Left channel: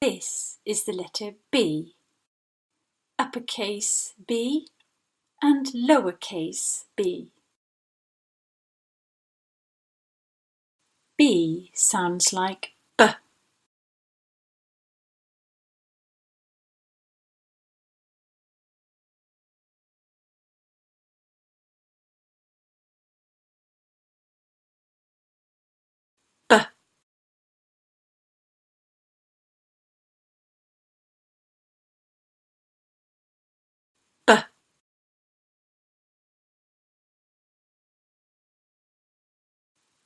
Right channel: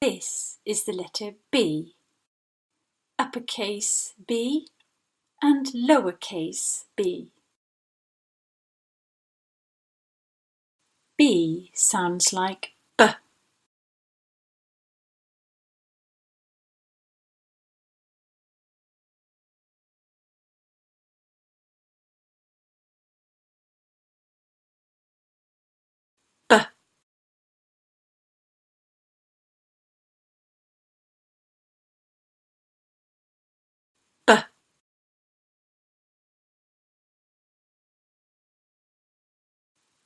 This is the letter B. Uppercase B and lowercase b. B sounds like B. B. B.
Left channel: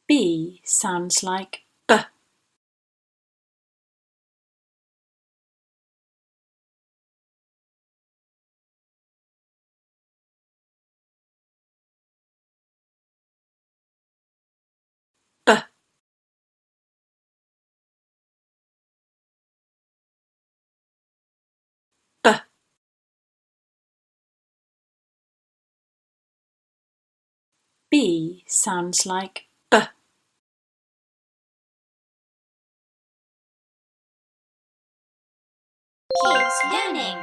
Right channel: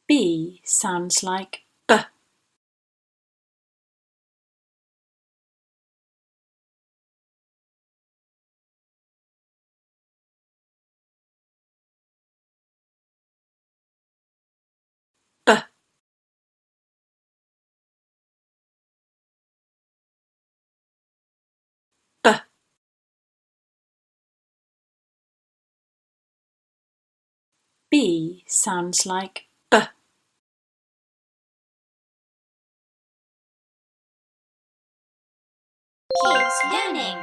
B sounds like B. B. B. B sounds like B. Kids learning.